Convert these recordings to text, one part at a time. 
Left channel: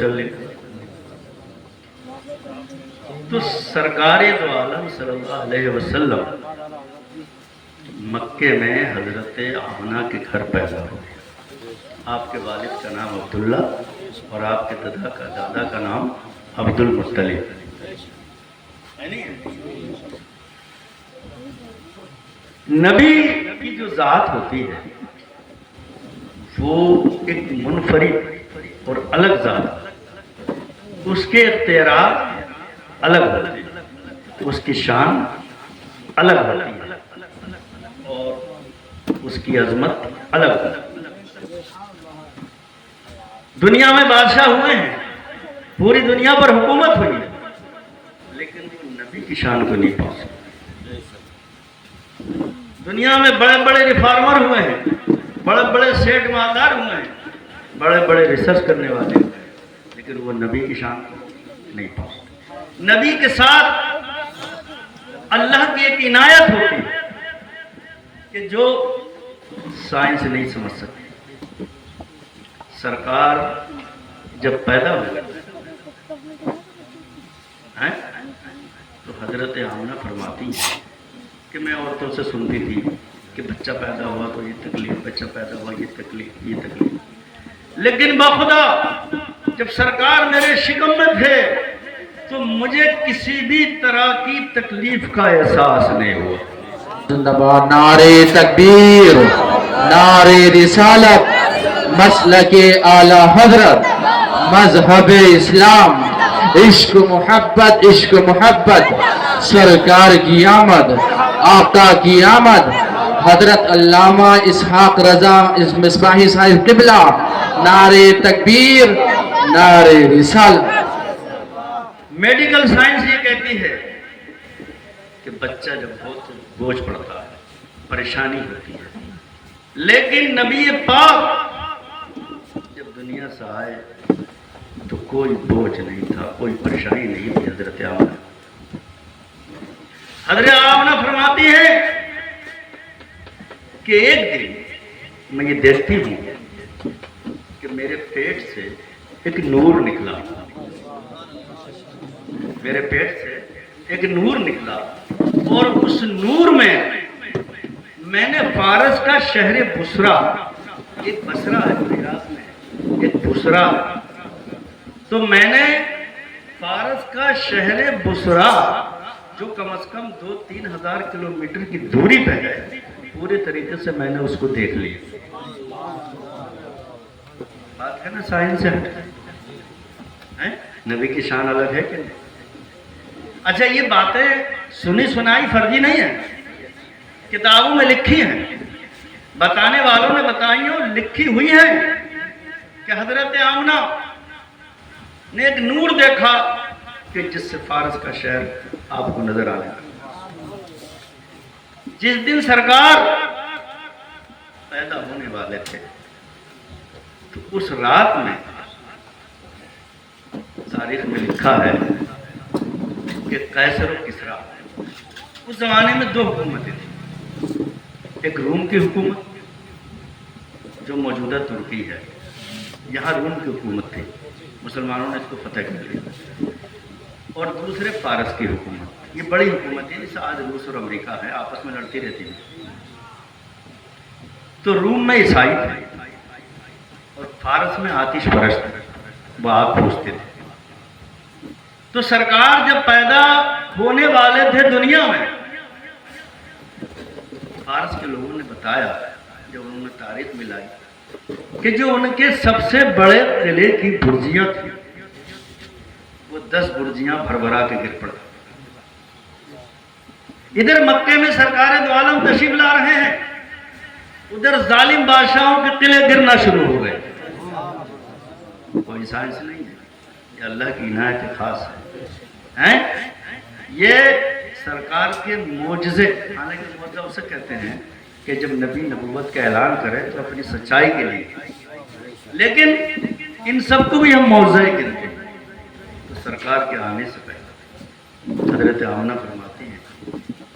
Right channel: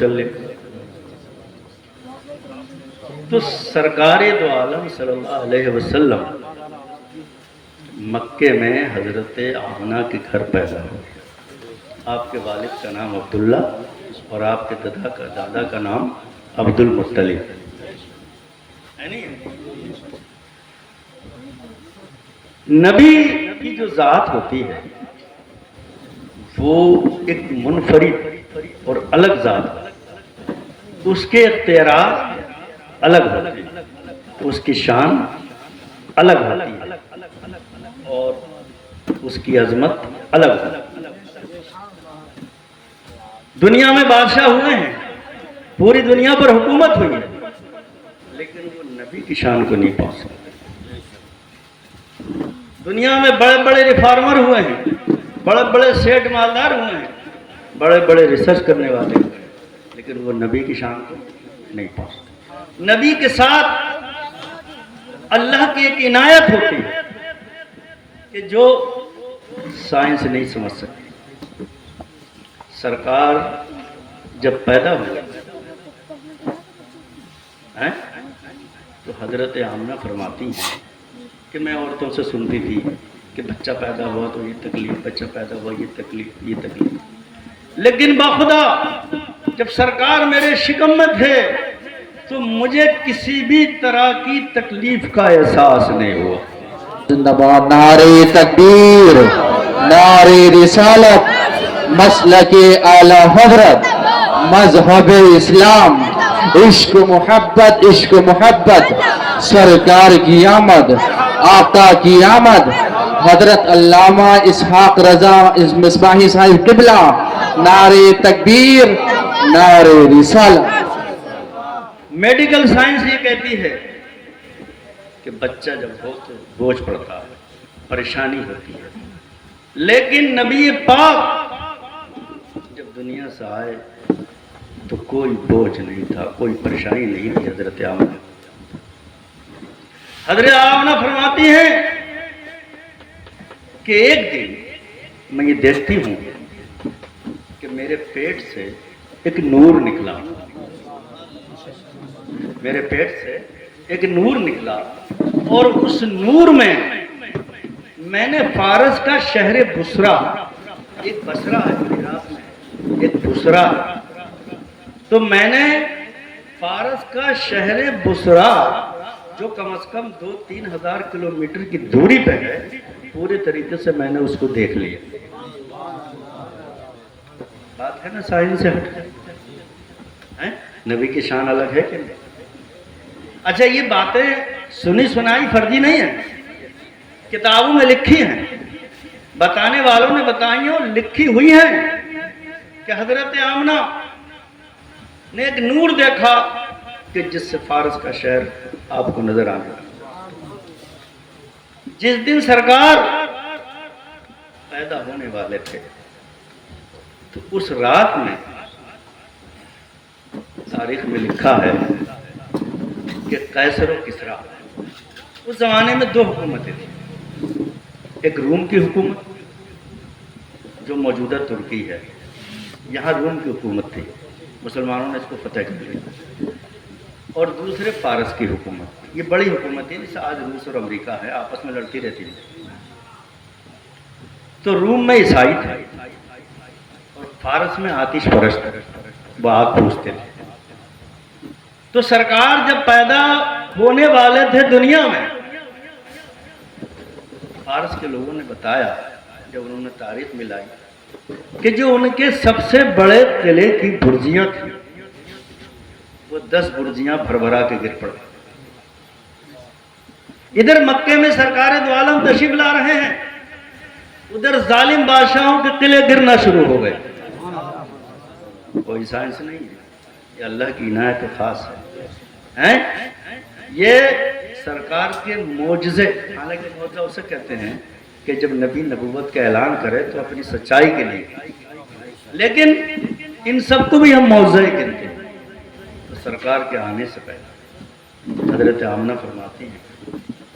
وسلم. تو سرکار دو عالم صلی اللہ علیہ وسلم مکے میں حضرت آمنہ کے گھر پیدا ہو. آپ کے والد کا نام عبداللہ اور آپ کے دادا کا نام عبد المطلب. نبی کی جو ذات ہوتی ہے وہ ایک منفرد اور الگ ذات ہے. اس کے اختیارات الگ ہوتے ہیں, اس کی شان الگ ہوتی ہے اور اس کی عظمت الگ ہے. دنیا میں بادشاہ ہوئے ہیں, پوری دنیا پر حکومت ہوئی ہے, لیکن وہ نبی کی شان کو نہیں پہنچ سکتے. دنیا میں بڑے بڑے ریفارمر ہوئے ہیں, بڑے بڑے سیٹ مالدار ہوئے ہیں, بڑے بڑے ریسرچ کرنے والے ہوئے ہیں, لیکن وہ نبی کی شان کو نہیں پہنچتے. نبی کے ساتھ اللہ کی ایک عنایت ہوتی ہے کہ جو سائنس نہیں سمجھ سکتی. سرکار جب پیدا ہوئے تو حضرت آمنہ فرماتی ہیں کہ میں عورتوں سے سنتی تھی کہ بچہ پیدا ہوا تو یہ تکلیف, بچہ پیدا ہوا یہ تکلیف, یہ تکلیف, لیکن باخدا جب سرکار میرے شکم میں تھے تو مجھے کسی بھی طرح کی تکلیف کا احساس نہیں ہوا. زندہ باد نعرہ تکبیر, نعرہ رسالت, مسلک اعلی حضرت, مذہب اسلام, عشق محبت, عشق محبت, سرکار کی آمد, آقا کی آمد, حضرت علامہ اسحاق رضا مصباحی صاحب قبلہ, نعرہ تکبیر, نعرہ رسالت. میڈیکل سائنس یہ کہتی ہے کہ بچہ جب ہو تو بوجھ پڑتا ہے, پریشانی ہوتی ہے, لیکن نبی پاک جب دنیا سے آئے تو کوئی بوجھ نہیں تھا, کوئی پریشانی نہیں تھی. حضرت آمنہ فرماتی ہے کہ ایک دن میں یہ دیکھتی ہوں کہ میرے پیٹ سے ایک نور نکلا, میرے پیٹ سے ایک نور نکلا, اور اس نور میں نے فارس کا شہر بصرہ, ایک بصرہ ہے عراق میں, ایک بصرہ, تو میں نے فارس کا شہر بصرہ جو کم از کم 2-3 ہزار کلومیٹر کی دوری پہ ہے, پورے طریقے سے میں نے اس کو دیکھ لیا. بات ہے نا سائنس سے نبی کی شان الگ ہے کہ. اچھا یہ باتیں سنی سنائی فرضی نہیں ہے, کتابوں میں لکھی ہیں, بتانے والوں نے بتائی ہیں اور لکھی ہوئی ہیں کہ حضرت آمنہ نے ایک نور دیکھا کہ جس سے فارس کا شہر آپ کو نظر آ گیا. جس دن سرکار پیدا ہونے والے تھے تو اس رات میں تاریخ میں لکھا ہے کہ قیصر و کسریٰ, اس زمانے میں 2 حکومتیں تھیں, ایک روم کی حکومت جو موجودہ ترکی ہے, یہاں روم کی حکومت تھی, مسلمانوں نے اس کو فتح کر لیا, اور دوسرے فارس کی حکومت. یہ بڑی حکومت ہے, جیسے آج روس اور امریکہ ہے, آپس میں لڑتی رہتی ہے. تو روم میں عیسائی تھے اور فارس میں آتش پرست تھے, وہ آگ پوجتے تھے. تو سرکار جب پیدا ہونے والے تھے دنیا میں, فارس کے لوگوں نے بتایا جب انہوں نے تاریخ ملائی کہ جو ان کے سب سے بڑے قلعے کی برجیاں تھیں وہ 10 برجیاں بھربھرا کے گر پڑ. ادھر مکے میں سرکار دو عالم تشریف لا رہے ہیں, ادھر ظالم بادشاہوں کے قلعے گرنا شروع ہو گئے. کوئی سائنس نہیں ہے, یہ اللہ کی عنایت خاص ہے. یہ سرکار کے معجزے, حالانکہ معجزہ اسے کہتے ہیں کہ جب نبی نبوت کا اعلان کرے تو اپنی سچائی کے لیے, لیکن ان سب کو بھی ہم معجزہ ہی کہتے ہیں. تو سرکار کے آنے سے پہلے حضرت آمنہ فرماتی ہیں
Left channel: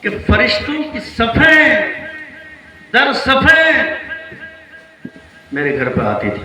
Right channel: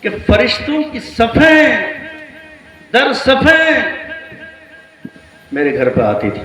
کہ فرشتوں کی صفیں در صفیں میرے گھر پہ آتی تھی.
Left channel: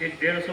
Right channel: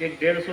150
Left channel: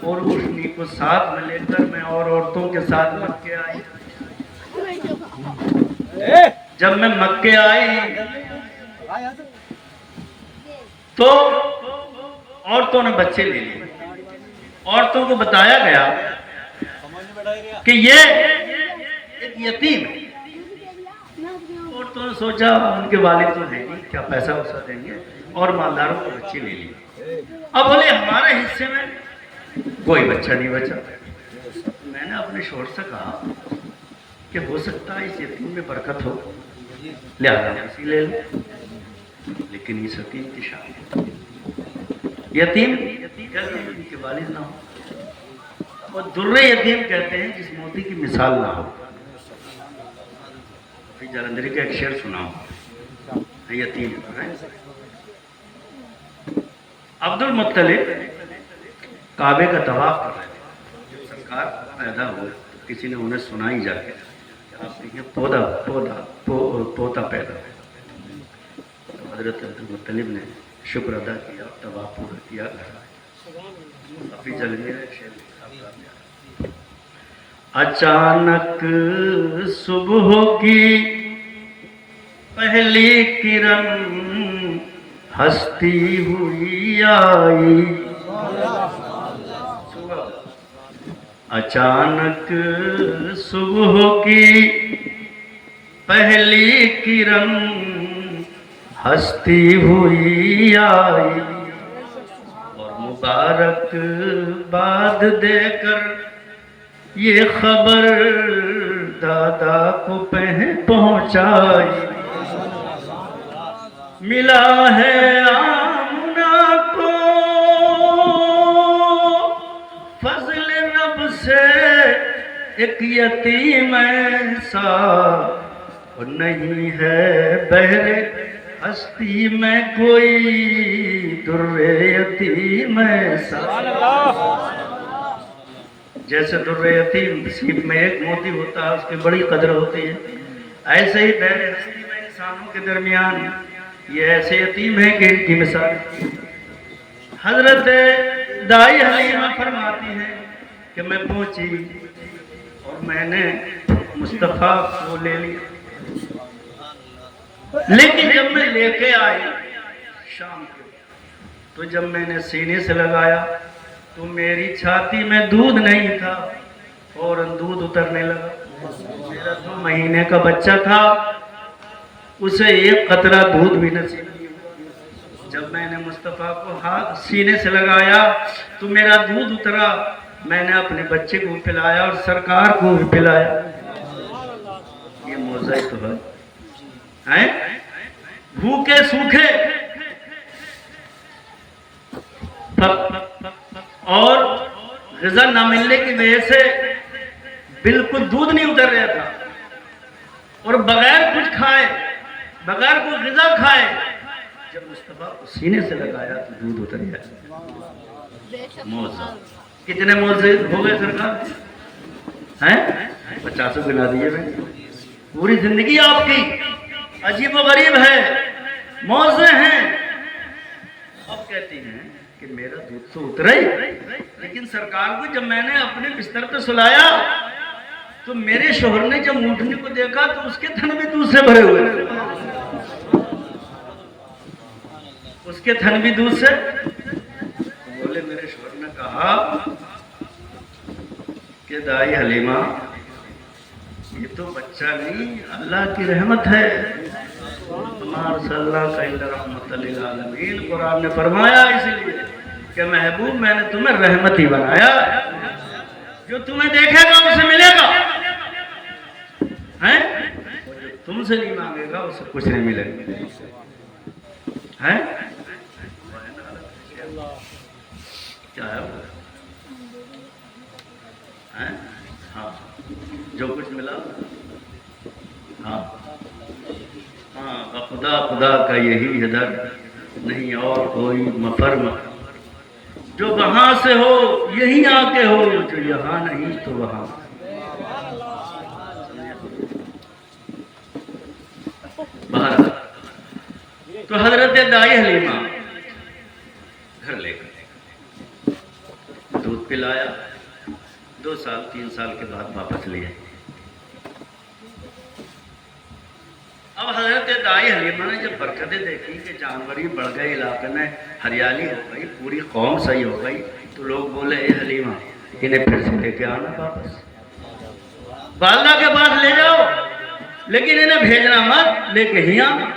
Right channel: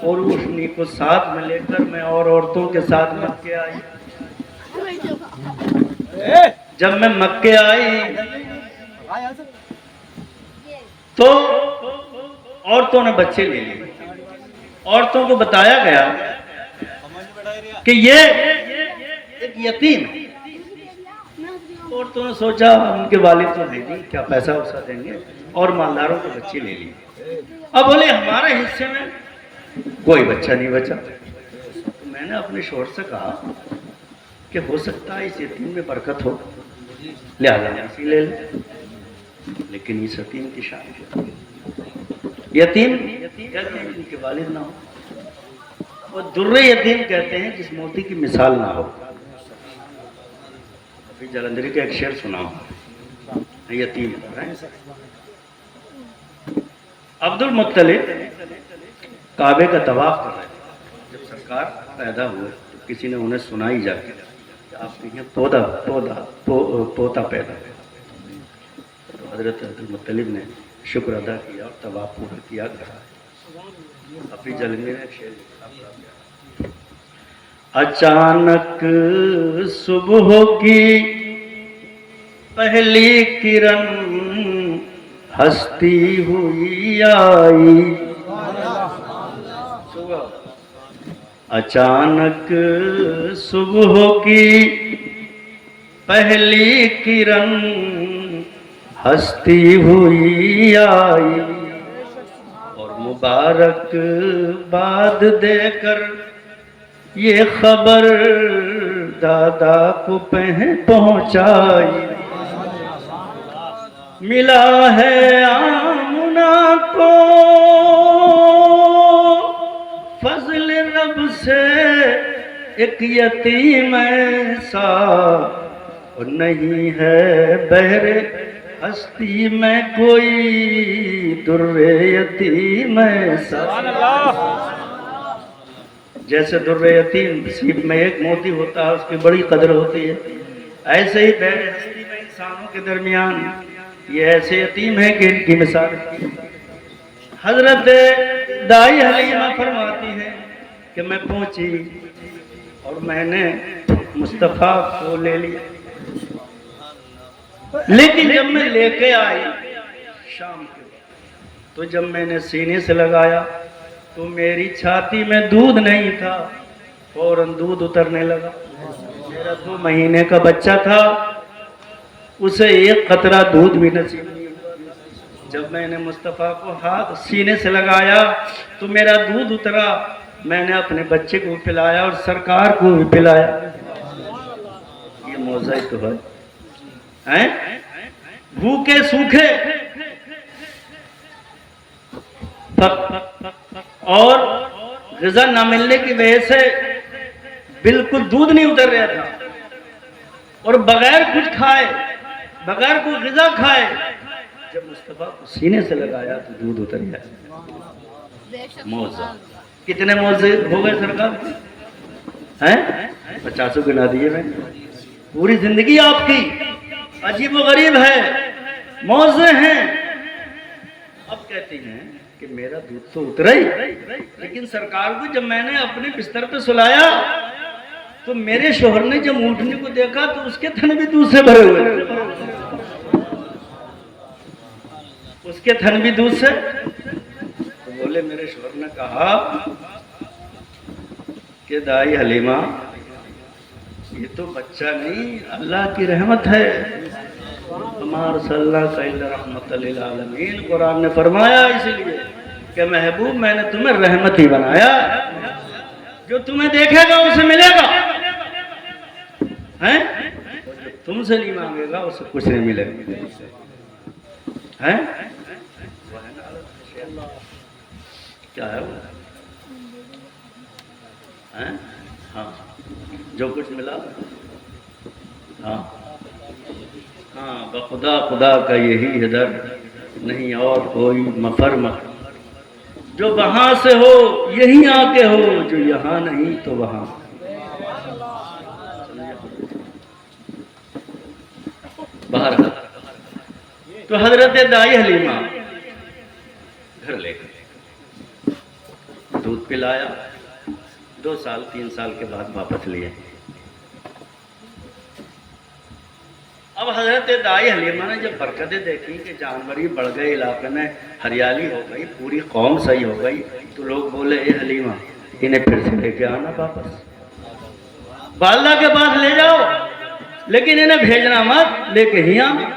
اور روشنی کو ساتھ میں لے کر میں اور عورتوں کے ساتھ مکے آئی. جب میں مکے آئی تو عورتوں نے بچے لے لیے. عورتوں کو بتایا گیا کہ یہ ایک یتیم. عورتوں نے سوچا ان کے والد تو دیں گے, کیا پیسہ ویسا دیں گے, اور مالداروں کے بچے لے لیے. اب بولے ہمارے حصے میں کوئی بچہ نہیں بچا. میں نے اپنے شوہر سے کہا کہ ہو سکتا ہے اس یتیم میں برکت ہو, لہٰذا اسی لے لیں. لیکن اس یتیم کی شان, یتیم ان کے والد نہ ہو, اور در یتیم کہتے ہیں جس موتی کی مثال نہ ہو. جلندری کا ایک شعر سناؤ, یتیم. عبد المطلب کعبے کا طواف کر رہے ہیں. جب سرکار پیدا ہوئے تو کسی نے انہیں سنائی جا کے آپ کے پوتا پیدا ہے. حضرت عبد المطلب نے شکر ادا کیا اور طواف پورا کیا گیا. ابھی جلندری نے شعر لکھا, اچانک صبح کی پہلی کرن ہستی ہوئی آئی. اچانک صبح کی پہلی کرن ہستی ہوئی آئی, اور مبارک باد دے کر یہ خبر دادا کو پہنچائی. ملا ہے آمنہ کو فضل رب سے ایک یتیم ایسا, اور نہیں ہے بہر ہستی میں کوئی در یتیم ایسا. جیسے در یتیم سیب میں ایک موتی ہوتا ہے, اس کی بڑی قدر ہوتی ہے, ایسے ہی بہر ہستی میں انسانوں کے درمیان یہ ایسے یتیم ہیں کہ ان کی مثال. حضرت دائی حلیمہ فرماتی ہیں کہ میں پہنچی اور میں نے مصطفیٰ کو لے لیا, لیکن جب میں لے کے آئی شام کے تو جب میں نے سینے سے لگایا تو میری چھاتی میں دودھ نہیں تھا, فوراً دودھ اترنے لگا. میرا 2 مہینے کا بچہ تھا, اسے ایک قطرہ دودھ بھی نصیب نہیں ہوا. جب میں نے مصطفیٰ کو ہاتھ سینے سے لگایا تو میرا دودھ اترا. میں نے اپنے بچے کو پلایا اور سرکار کو بھی پلایا. یہ موضوع تو ہے, بھوکے سوکھے اور غذا نہ ملنے کی وجہ سے بالکل دودھ نہیں اتر رہا تھا, اور بغیر کچھ کھائے, بغیر کوئی غذا کھائے, جب مصطفیٰ کو سینے سے لگایا تو دودھ اتر گیا. موضوع کتنے موضوع ہو گئے سرکار ہیں؟ 50 گنا دیے میں. پوری زندگی آپ کی عجیب و غریب ہے, موضوع ہیں. اب کہتی ہیں کہ میرا دودھ تو اترا ہی, لیکن سرکار کو جب میں نے اپنے بستر پہ سلایا تو میرے شوہر نے جب اونٹنے کو دیکھا تو اس کے تھن بھی دودھ سے بھرے ہوئے, اس کے تھن بھی دودھ سے. تو بولے میرے شوہر نے کہا کہ دائی حلیمہ یہ تو بچہ نہیں, اللہ کی رحمت ہے. ہمارا صلی اللہ کا رحمت للعالمین, قرآن نے فرمایا اس لیے کہ محبوب میں نے تمہیں رحمت ہی بنایا, جو تمہیں دیکھے گا اسے ملے گا, جو تم سے نہیں مانگے گا اسے کچھ نہیں ملے گا. کیا ہے ہاں, جو کچھ ملا ہاں ہاں, خدا خدا کا یہی ہے درد, نہیں اور کوئی مفرم. جو وہاں سے ہو یہیں آ کے ہو, جو یہاں نہیں تو وہاں. باہر تو حضرت دائی حلیمہ گھر لے گئے. دودھ پلایا, 2 سال 3 سال کے بعد واپس لیے. اب حضرت دائی حلیمہ نے جب برکتیں دیکھی کہ جانور ہی بڑھ گئے, علاقے میں ہریالی ہو گئی, پوری قوم صحیح ہو گئی, تو لوگ بولے اے حلیمہ انہیں پھر سے لے کے آنا واپس, والدہ کے پاس لے جاؤ, لیکن انہیں بھیجنا مت, لے کے ہی آنا.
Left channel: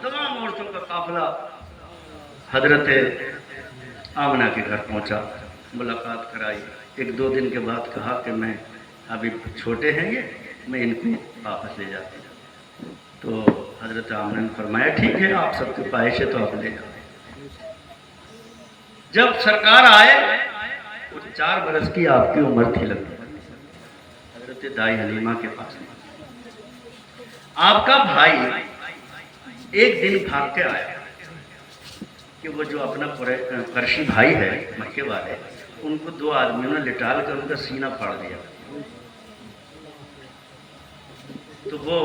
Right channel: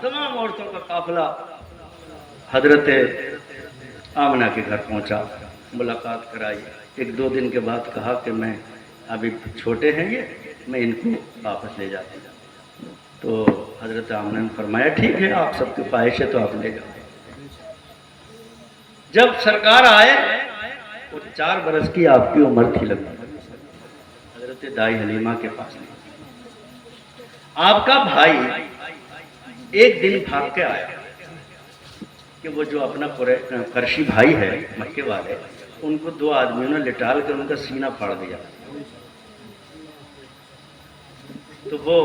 تمام عورتوں کا قافلہ حضرت آمنہ کے گھر پہنچا, ملاقات کرائی. 1-2 دن کے بعد کہا کہ میں ابھی چھوٹے ہیں یہ, میں ان کو واپس لے جاتی ہوں. تو حضرت آمنہ نے فرمایا ٹھیک ہے, آپ سب کی خواہش ہے تو آپ لے جاؤ. جب سرکار آئے وہ 4 برس کی آپ کی عمر تھی لگ بھگ. حضرت دائی حلیمہ کے پاس آپ کا بھائی ایک دن بھاگ کے آئے کہ وہ جو اپنا قرشی بھائی ہے مکے والے, ان کو 2 آدمیوں نے لٹال کر ان کا سینہ پھاڑ دیا. تو وہ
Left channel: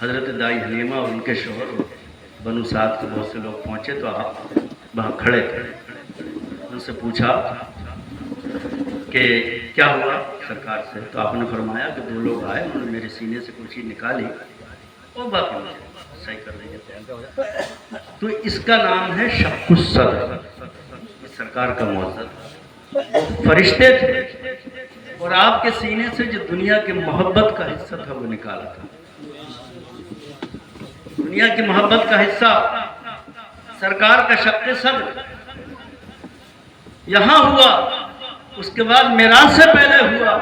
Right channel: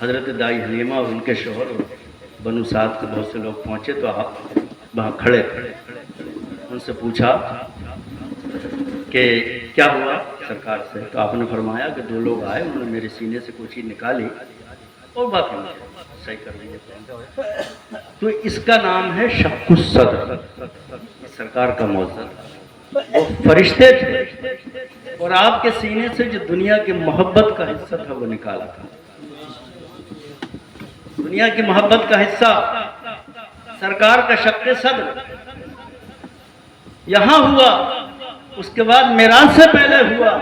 حضرت دائی حلیمہ اور ان کے شوہر بنو سعد کے بہت سے لوگ پہنچے, تو آپ وہاں کھڑے تھے. ان سے پوچھا کہ کیا ہوا سرکار سے, تو آپ نے فرمایا کہ 2 لوگ آئے, انہوں نے میرے سینے سے کوئی چیز نکالی اور بات نہیں صحیح کر لی. تو اس کا نام ہے شق الصدر, سرکار کا معجزہ. وہ فرشتے تھے اور آپ کے سینے سے جو دنیا کی محبت کا حصہ تھا وہ نکالا تھا. دنیا کی محبت کا حصہ سرکار کا شق صدر یہاں ہوا, اس کے بعد معراج سے پہلے ہوا.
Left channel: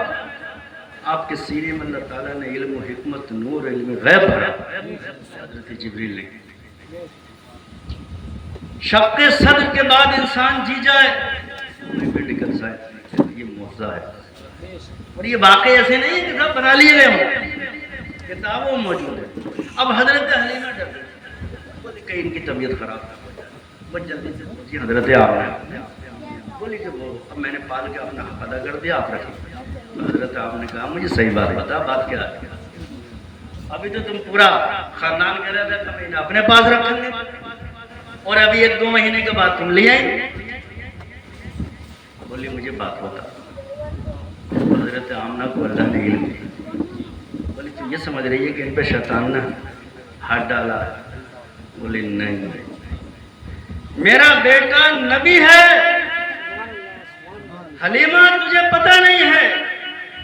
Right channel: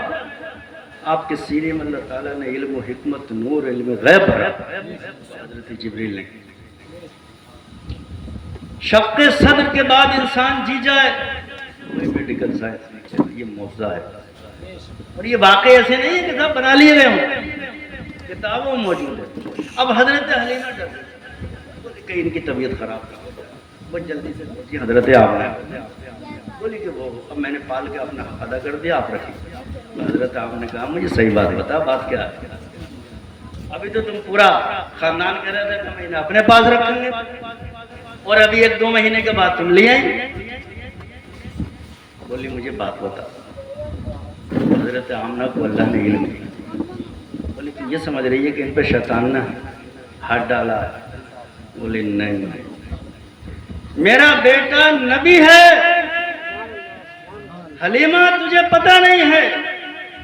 آپ کے سینے میں اللہ تعالیٰ نے علم و حکمت, نور, علم غیب بھرا. حضرت جبریل نے شق صدر کے بعد انسان جی جائے, میڈیکل سائنس یہ معجزہ ہے. اور یہ واقعی ایسے نہیں کہ سب بنا لیے گئے ہوں, کتابوں موجود ہے. اب حضرت حلیمہ ڈر گئی, کہیں ان کی طبیعت خراب ہو جائے, وہ جلدی سے پہنچی حضرت آمنہ, بولی کہ وہ اب میں نے پال کے اپنا حق ادا کر دیا, آپ رکھیے. تو حضرت آمنہ نے کہا مجھے صحیح بات بتا, بات کیا ہے؟ ابھی تو تم پورا خاندان کہہ رہا تھا کہ میں اپنے پاس رکھیں گے, اور ابھی 1-2 مہینے کے بعد تم لے آئیں. بولی مجھے بات بتا. حضرت آمنہ کو اللہ نے علم دیا. بولی کہ یہ سمجھ رہی ہے کہ ان پہ شیطان نے ہاتھ ڈالا. بولی نہیں, میرا بیٹا نبی ہے. حلیمہ تجھے پتہ نہیں ہے,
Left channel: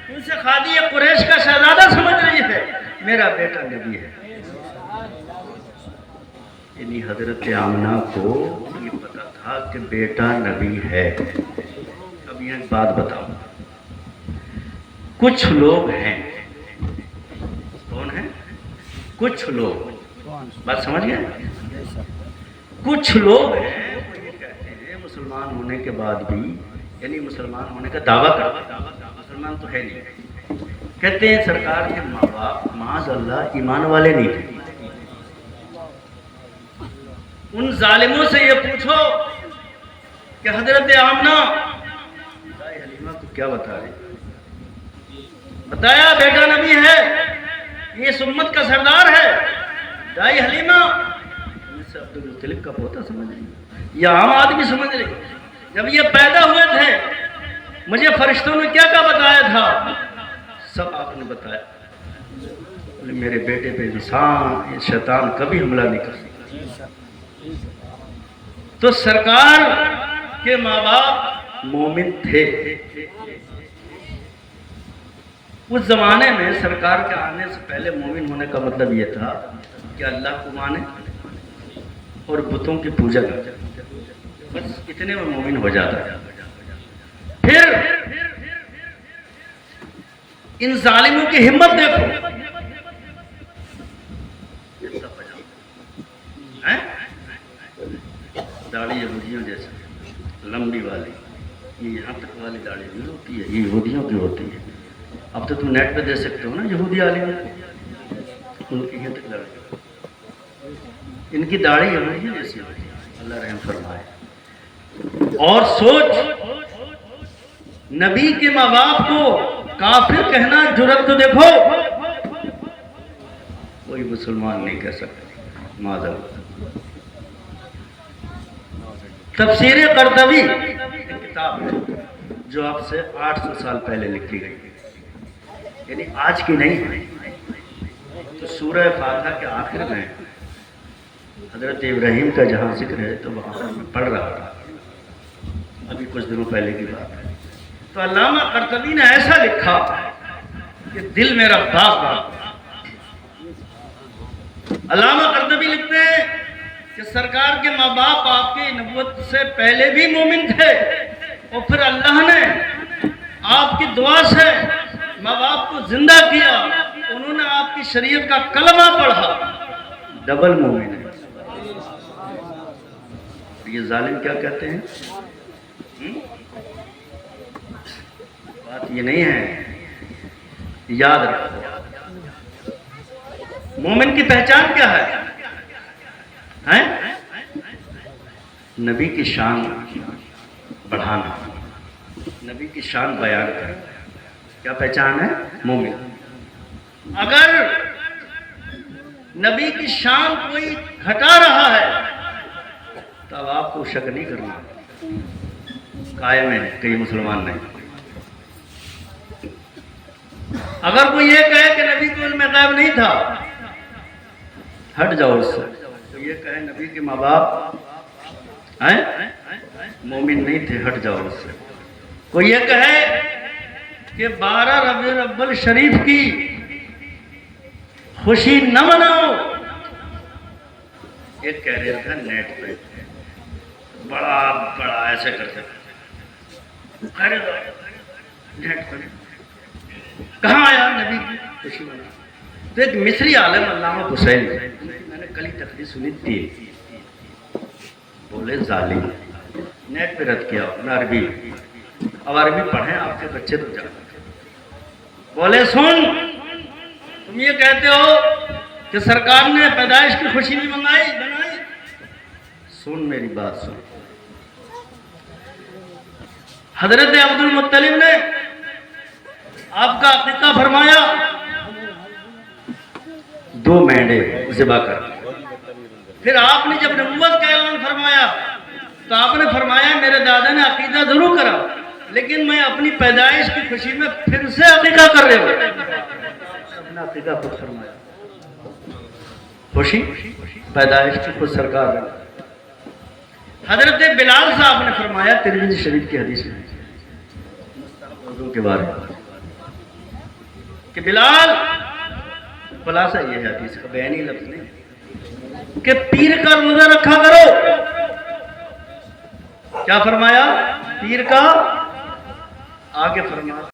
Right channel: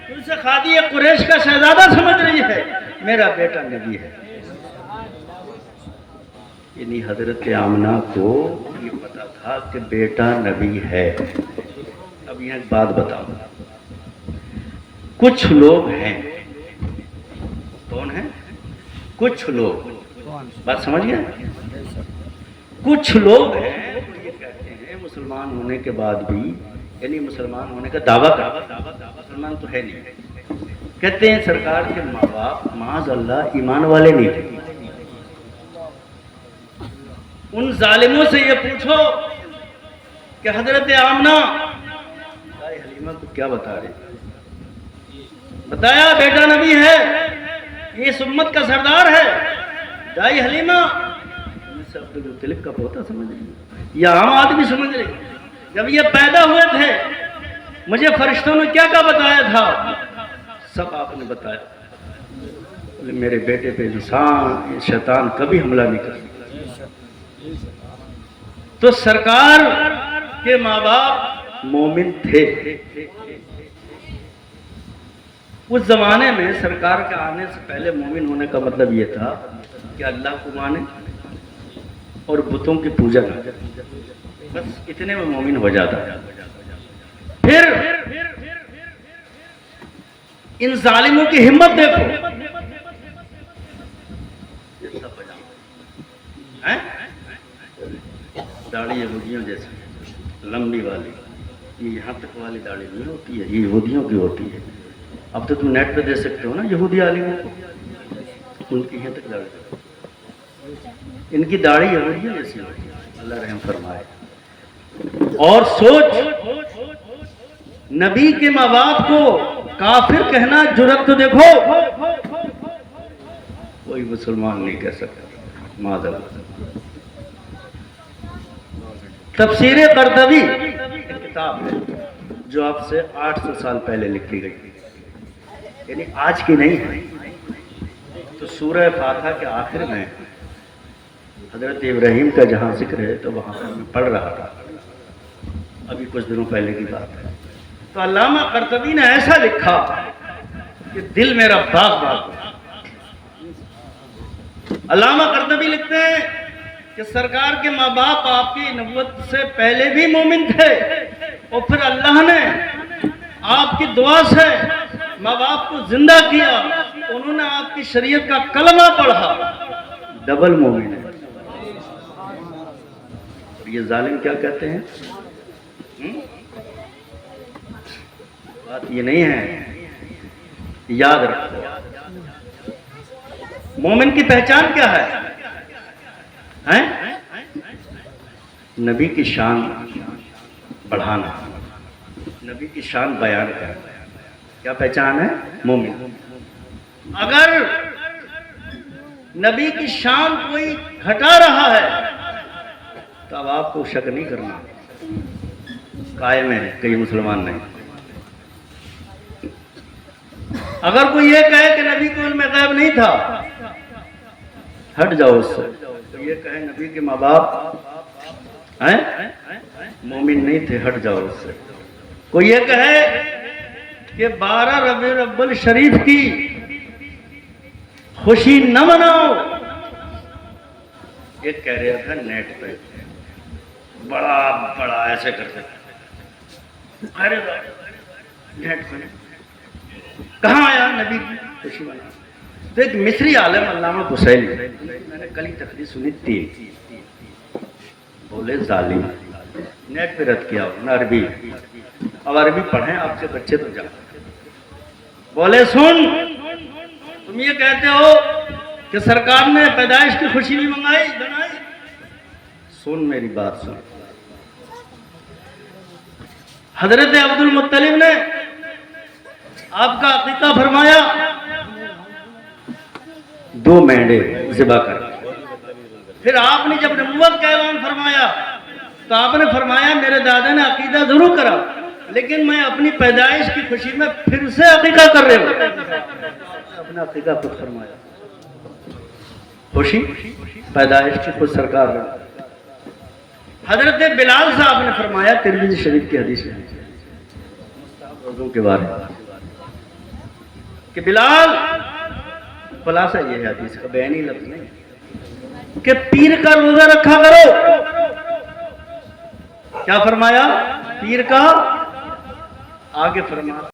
تم سے خادی قریش کا شہزادہ سمجھ رہی ہے, میرا بیٹا نبی ہے. یعنی حضرت آمنہ کو یہ پتا تھا کہ بیٹا نبی ہے. اب یہ ایک بات بتاؤ, کچھ لوگ ہیں, کون ہیں کچھ لوگ, بات سمجھ گئے, کچھ لوگ ہیں مسلمان ہونے کے بعد بھی, یعنی مسلمان ہونے کا دعویٰ مسلمان تو ہے نہیں, کہتے ہیں سرکار کے ماں باپ معاذ اللہ ایمان والے نہیں تھے. ان ظالموں سے یہ پوچھو کہ حضرت آمنہ دائی حلیمہ کو کیا بتا رہے, بتایا بیٹا نبی ہے, یہ اس امت کا سردار ہے. دائی حلیمہ عبد المطلب کا پوتا سمجھ رہی, یا عام آدمی سمجھ رہی. جب یہ پیدا ہوئے تھے مجھے فرشتوں نے کیا کیا بتایا تھا, سب آپ نے بتایا. میرے بیٹے پہ انسان شیطان کبھی حملہ نہیں کر سکتا. تو سرکار کے ماں باپ مومن تھے. اس زمانے میں سرکار کے آنے سے پہلے مومن ہونے کا مطلب یہ تھا کہ اللہ کو مانے اور بتوں کی پوجا کرے, بس اتنے میں مومن ہو جاتا ہے. پھر ان ظالموں کی ہمت دیکھو, داڑھی یہودیوں جیسے لمبی والی, یہ یہاں تک والی داڑھی نہیں ہوتی ہے, یہ یہودیوں کی ہوتی ہے. اب تو تم نیٹ پہ دے سکتے ہو نا یہودی عالموں کو, ان کی یہاں تک داڑھی, ان کی داڑھی یہودیوں جیسی ہوتی ہے. اللہ رحم فرمائے. اور سوچ, نبی کے ماں باپ کو کافر کہنا جرأت تو دیکھو, کوئی مسلمان نہیں کہہ سکتا معاذ اللہ. تفسیر قرطبی کتاب ہے جو اب سے 800 سال پہلے لکھی گئی، یعنی آج کی نہیں ہے۔ تو سورہ فاتحہ کے آخر میں حضرت ابراہیم کا جہاں ذکر ہے تو وہاں پڑھ رہا تھا، ابھی کچھ دنوں پہلے کی بات ہے۔ تو علامہ قرطبی نے ایسا لکھا کہ دل میرا باغ باغ۔ علامہ قرطبی لکھتے ہیں کہ سرکار کے ماں باپ آپ کی نبوت سے پہلے بھی مومن تھے، اور پھر اللہ نے آپ کی دعا سے ماں باپ کو زندہ کیا، انہوں نے آپ کی شریعت کا کلمہ پڑھا، ڈبل مومن ہے۔ یہ ظالم کیا کہتے ہیں؟ بات یہ نہیں ہے، یاد رکھو۔ مومن کی پہچان کیا ہے؟ نبی کی شان بڑھانا، نبی کی شان بیان کرنا، کیا پہچان ہے؟ مومن۔ اگر نبی کی شان کوئی گھٹا رہا ہے تو اب آپ کو شک نہیں کرنا، قائم ہے کئی مسلمان نہیں۔ اگر کوئی یہ کہے کہ نبی کو ان میں غیب نہیں تھا، ہٹ جاؤ اس سے۔ کوئی یہ کہے نبی کے ماں باپ مومن نہیں تھے، ہٹ جاؤ اس سے۔ کوئی یہ کہے کہ 12 ربیع الاول شریف کی خوشی نہ مناؤ، ایک کہہ رہا تھا نیٹ پہ بڑا بڑا ایسے کرتے نیٹ پہ کہاں آیا نبی کی خوشی منا؟ تو ایک مصری عالم علامہ بسیل میں نے کل ہی تقریر سنی تھی، بولے ظالم، نیٹ پہ رد کیا نہ عربی، اب عربی پڑھیں آپ کے بچے تو جاؤ۔ بولے سن، تم یہ کہتے ہو کہ سرکار نے پیدائش کی خوشی بھی بنائی، سن میری بات سن۔ حضرت عبد المطلب نے آپ کا عقیقہ فرمایا 2 مینڈے ذبح کر، پھر آپ نے جب نبوت کا اعلان فرمایا تو آپ نے فرمایا میرے دادا نے عقیدہ ضرور کرا، لیکن میں اپنی پیدائش کی خوشی میں پھر سے عقیقہ کر رہے ہوں۔ اپنا عقیقہ خود فرمایا، خوشی پیدائش کی خود سرکار نے۔ حضرت بلال صاحب نے فرمایا ترمذی شریف کی حدیث میں اردو کے بارے میں کہ بلال، خلاصہ یہ ہے حدیث کا، بیانی لفظ نہیں، کہ پیر کا روزہ رکھا کرو۔ کیا فرمایا؟ پیر کا، آگے فرمایا